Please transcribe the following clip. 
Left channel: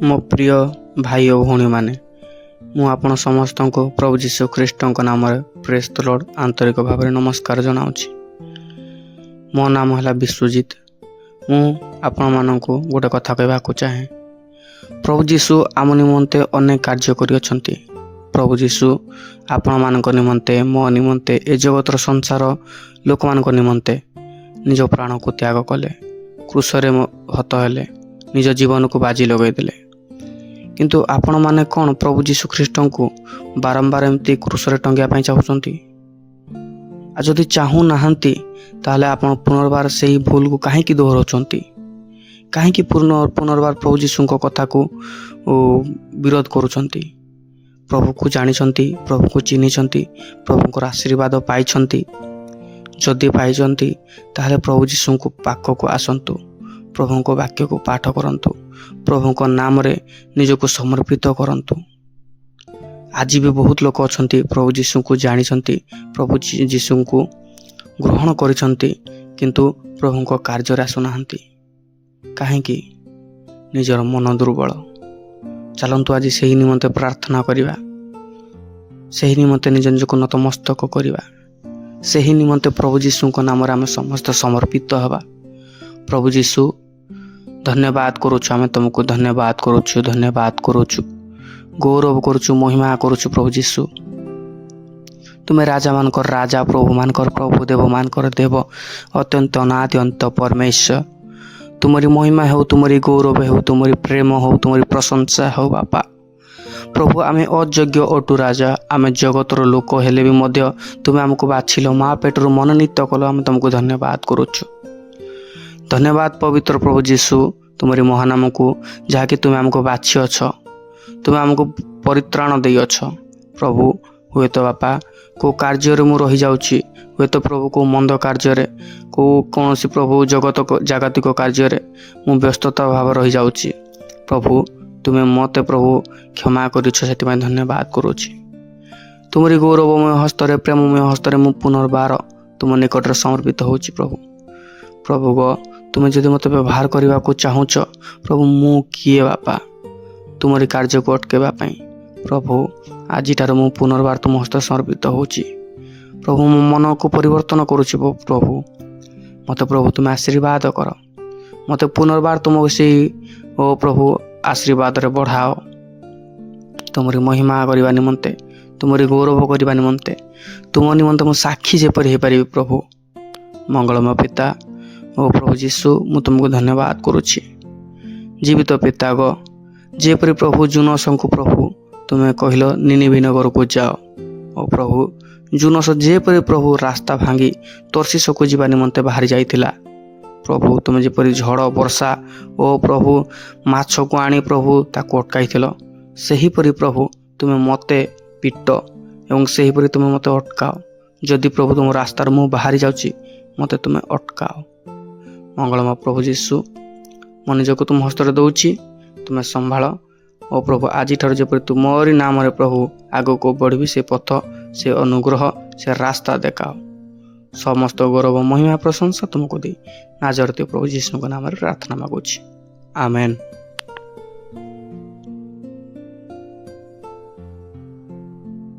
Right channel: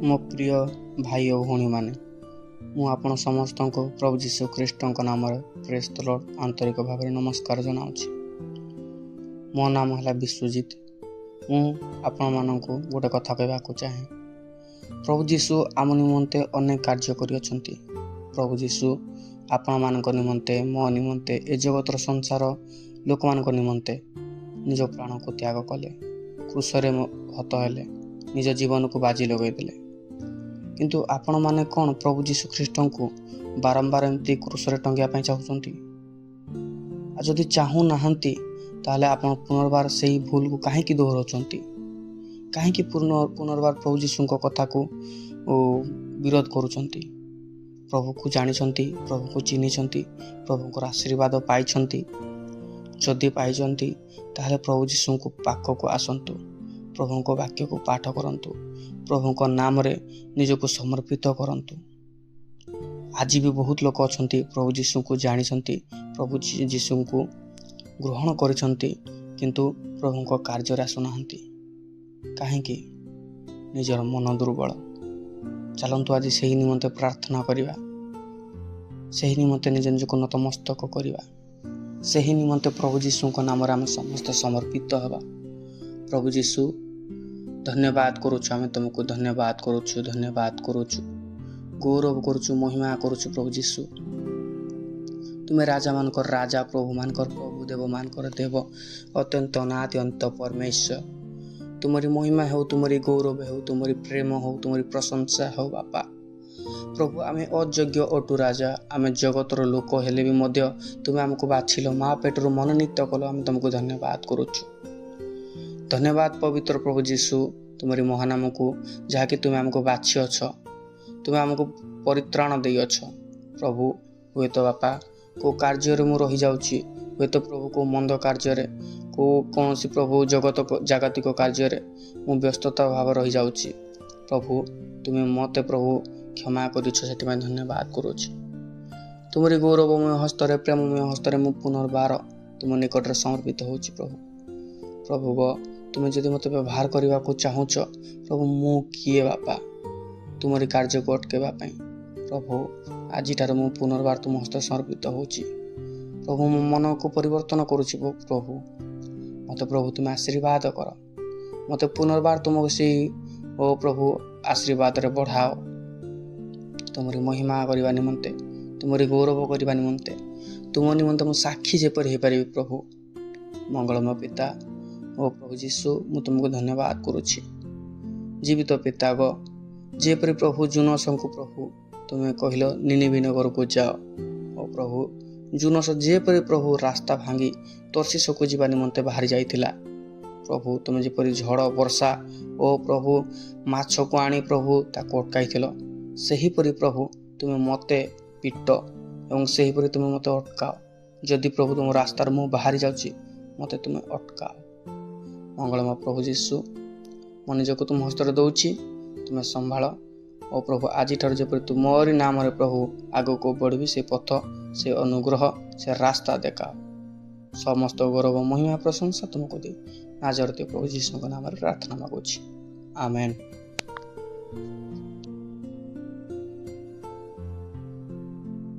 ମୋ ପ୍ରିୟ ଭାଇ ଓ ଭଉଣୀମାନେ, ମୁଁ ଆପଣ ସମସ୍ତଙ୍କୁ ପ୍ରଭୁ ଯୀଶୁ ଖ୍ରୀଷ୍ଟଙ୍କ ନାମରେ ପ୍ରେଜ୍ ଦ ଲର୍ଡ ଆନ୍ତରିକ ଭାବରେ ନମସ୍କାର ଜଣାଉଛି। ମୋ ନାମ ହେଲା ବିଶ୍ୱଜିତ। ମୁଁ ଆପଣମାନଙ୍କୁ ଗୋଟେ କଥା କହିବାକୁ ଚାହେଁ। ପ୍ରଭୁ ଯୀଶୁ ଆମ ନିମନ୍ତେ ଅନେକ କାର୍ଯ୍ୟ କରିଅଛନ୍ତି। ପ୍ରଭୁ ଯୀଶୁ ଆପଣମାନଙ୍କ ନିମନ୍ତେ, ମୋ ନିମନ୍ତେ, ଏ ଜଗତର ସଂସାର ଲୋକମାନଙ୍କ ନିମନ୍ତେ ନିଜ ପ୍ରାଣକୁ ତ୍ୟାଗ କଲେ, କ୍ରୁଶରେ ହତ ହେଲେ, ନିଜ ଜୀବନକୁ ବାଜି ଲଗାଇଦେଲେ। କିନ୍ତୁ ଆପଣମାନେ କ'ଣ ପ୍ରଭୁ ଯୀଶୁ ଖ୍ରୀଷ୍ଟଙ୍କୁ ବାରମ୍ବାର ଏମିତି କ୍ରୁଶରେ ଟଙ୍ଗିବା ପାଇଁ ଚାହୁଁଛନ୍ତି? ଆଉ ଯଦି ଚାହୁଁନାହାନ୍ତି, ତାହେଲେ ଆପଣ ପୁନର୍ବାର ସେହି ଭୁଲକୁ କାହିଁକି ଦୋହରାଉଛନ୍ତି? କାହିଁକି ପୁନର୍ବାର ପ୍ରଭୁ ଯୀଶୁଙ୍କ କଥାକୁ ବିରୋଧ କରୁଛନ୍ତି? ପ୍ରଭୁକୁ ଜାଣିଛନ୍ତି, ପ୍ରଭୁକୁ ଚିହ୍ନିଛନ୍ତି, ପ୍ରଭୁଙ୍କର ଆଶୀର୍ବାଦ ପାଇଛନ୍ତି। ଯଦି ପାଇଛନ୍ତି, ତାହେଲେ ପ୍ରଭୁ ଯୀଶୁଙ୍କ ପାଖକୁ ଆସନ୍ତୁ, ପ୍ରଭୁଙ୍କ ବାକ୍ୟକୁ ପାଠ କରନ୍ତୁ, ପ୍ରଭୁଙ୍କ ନାମରେ ନିଜକୁ ସମର୍ପିତ କରନ୍ତୁ। ଆଜି ବି ବହୁତ ଲୋକ ଅଛନ୍ତି ପ୍ରଭୁ ଯୀଶୁଙ୍କୁ ଜାଣିଛନ୍ତି, ପ୍ରଭୁ ଯୀଶୁଙ୍କୁ ଗ୍ରହଣ କରିଛନ୍ତି, କିନ୍ତୁ ପ୍ରଭୁଙ୍କ କାର୍ଯ୍ୟରେ ଆସୁନାହାନ୍ତି। କାହିଁକି? ନିଜର ମନ ଦୁର୍ବଳ। ଚାଲନ୍ତୁ ଆଜି ସେହି ନିମନ୍ତେ ପ୍ରାର୍ଥନା କରିବା, ସେହି ନିମନ୍ତେ ନିଜ ନିଜକୁ ନତମସ୍ତକ କରିବା, ସେହି ନିମନ୍ତେ ପ୍ରଭୁ ଯୀଶୁଙ୍କ ନାମରେ ଆମେ ସମସ୍ତେ ସମର୍ପିତ ହେବା। ପ୍ରଭୁ ଯୀଶୁ, ଧନ୍ୟବାଦ କରୁଛୁ, ଆମେ ତୁମକୁ ଧନ୍ୟବାଦ କରୁଛୁ, ଗୌରବ କରୁଛୁ, ମହିମା କରୁଛୁ। ପ୍ରଭୁ ଯୀଶୁ, ତୁମେ ରାଜାମାନଙ୍କର ରାଜା, ପ୍ରଭୁମାନଙ୍କର ପ୍ରଭୁ, ଦେବମାନଙ୍କର ଦେବ, ଅତ୍ୟନ୍ତ ଅନାଦି ଅନ୍ତ ପରମେଶ୍ୱର। ତୁମରି ମହିମା ହେଉ, ତୁମରି ଗୌରବ ହେଉ, ତୁମରି ପ୍ରେମ ହେଉ, ତୁମରି ପ୍ରଶଂସା ହେଉ ବାପା। ପ୍ରଭୁ, ଆମେ ଅଯୋଗ୍ୟ ଅଟୁ ରାଜା, ଆମେ ଜଗତର ଲୋକ ହେଲେ ବି ମଧ୍ୟ ତୁମେ ଆମକୁ ବାଛିଲ, ମା ପେଟରୁ ମନୋନୀତ କଲ। ଆମେ ତୁମକୁ ଧନ୍ୟବାଦ କରୁଛୁ। ଧନ୍ୟବାଦ ପବିତ୍ର ପ୍ରଭୁ ଯୀଶୁ, ତୁମରି ମହାନାମକୁ, ଯାହାକି ତୁମେ ଆମକୁ ବାଛିଅଛ, ତୁମେ ଆମକୁ ପରିତ୍ରାଣ ଦେଇଅଛ। ପ୍ରଭୁ, ହୁଏତ ବାପା କେଉଁ କାର୍ଯ୍ୟରେ ମୁଁ ରହିଯାଉଛି, ହୁଏତ ପ୍ରଭୁ କେଉଁ ମନ୍ଦ କାର୍ଯ୍ୟରେ, କୌଣସି ପ୍ରଭୁ ଜାଗତିକ କାର୍ଯ୍ୟରେ ମୁଁ ବ୍ୟସ୍ତତା ଭାବରେ ରହିଯାଉଛି। ପ୍ରଭୁ, ତୁମେ ମୋତେ ପ୍ରଭୁ କ୍ଷମା କରିଛ, ସେଥିପାଇଁ ଧନ୍ୟବାଦ କରୁଛି। ତୁମରି ଗୌରବମୟ ହସ୍ତରେ, ପ୍ରେମମୟ ହସ୍ତରେ ମୁଁ ପୁନର୍ବାର ତୁମ ନିକଟରେ ସମର୍ପିତ ହେଉଛି। ପ୍ରଭୁ ତୁମେ ଯଦି ମୋତେ ବ୍ୟବହାର କରିବାକୁ ଚାହୁଁଛ, ପ୍ରଭୁ ମୁଁ କିଏ ବାପା ତୁମରି କାର୍ଯ୍ୟକୁ ଅଟକାଇବା ପାଇଁ? ପ୍ରଭୁ, ଆଜିଠାରୁ ମୁଁ ପୁନର୍ବାର ତୁମ ହସ୍ତରେ ସମର୍ପିତ ହେଉଛି। ପ୍ରଭୁ, ମୋ ମନକୁ ପରିବର୍ତ୍ତନ କରୁଛି। ପ୍ରଭୁ, ମୋତେ ପ୍ରଭୁ ତୁମେ ଆଶୀର୍ବାଦ କର, ମୋତେ ପୁନର୍ବାର ତୁମ ସେଇ ପ୍ରଭୁ ଆଶୀର୍ବାଦରେ ବଢ଼ାଅ, ତୁମରି ମହିମା କରିବା ନିମନ୍ତେ, ତୁମରି ଗୌରବ କରିବା ନିମନ୍ତେ, ତୁମ ନିମନ୍ତେ ମୁଁ ସାକ୍ଷୀ ଯେପରି ହେଇପାରିବି। ପ୍ରଭୁ, ମଙ୍ଗଳମୟ ପିତା ଓ ପ୍ରଭୁ ଯୀଶୁ, ମୁଁ ତୁମକୁ ଧନ୍ୟବାଦ କରୁଛି। ଜୀବିତ ପିତା ଯେପରି ପ୍ରଭୁ ଜୁନସଙ୍କୁ ପ୍ରଭୁ ତୁମେ କହିଲ ନିନିଭେ ନଗରକୁ ଯାଅ, ଓ ପ୍ରଭୁ ଜୁନସ ଯେପରି ପ୍ରଭୁ ରାସ୍ତା ଭାଙ୍ଗି ତର୍ଷୀଶକୁ ଯିବା ନିମନ୍ତେ ବାହାରି ଯାଇଥିଲା, ପ୍ରଭୁ ତୁମେ ଯେପରି ଝଡ଼ ବର୍ଷା ଓ ପ୍ରଭୁ ମାଛକୁ ଆଣି ପ୍ରଭୁ ତାକୁ ଅଟକାଇଥିଲ, ସେହିପରି ପ୍ରଭୁ ତୁମେ ମୋତେ ପିଟ ଏବଂ ସେହିପରି ତୁମେ ମୋତେ ଅଟକାଅ। ଯଦି ପ୍ରଭୁ ତୁମ ରାସ୍ତାରୁ ମୁଁ ବାହାରି ଯାଉଛି, ମୋତେ ତୁମେ ଅଟକାଅ। ମଙ୍ଗଳମୟ ପ୍ରଭୁ ଯୀଶୁ, ମୋ ନିଜକୁ ତୁମ ହସ୍ତରେ ଦେଉଛି, ତୁମେ ସମ୍ଭାଳ। ଓ ପ୍ରଭୁ, ଆଜିଠାରୁ ଯେପରି ତୁମରି ନାମରେ ପ୍ରଭୁ ଆଗକୁ ବଢ଼ିବି, ସେ ପଥ, ସେ ଅନୁଗ୍ରହ, ସେ ରାସ୍ତା ଦେଖାଅ। ସମସ୍ତ ଗୌରବ, ମହିମା, ପ୍ରଶଂସା ତୁମକୁ ଦେଇ ନାଜରେଥ ପ୍ରଭୁ ଯୀଶୁଙ୍କ ନାମରେ ପ୍ରାର୍ଥନା ମାଗୁଛି। ଆମେନ୍।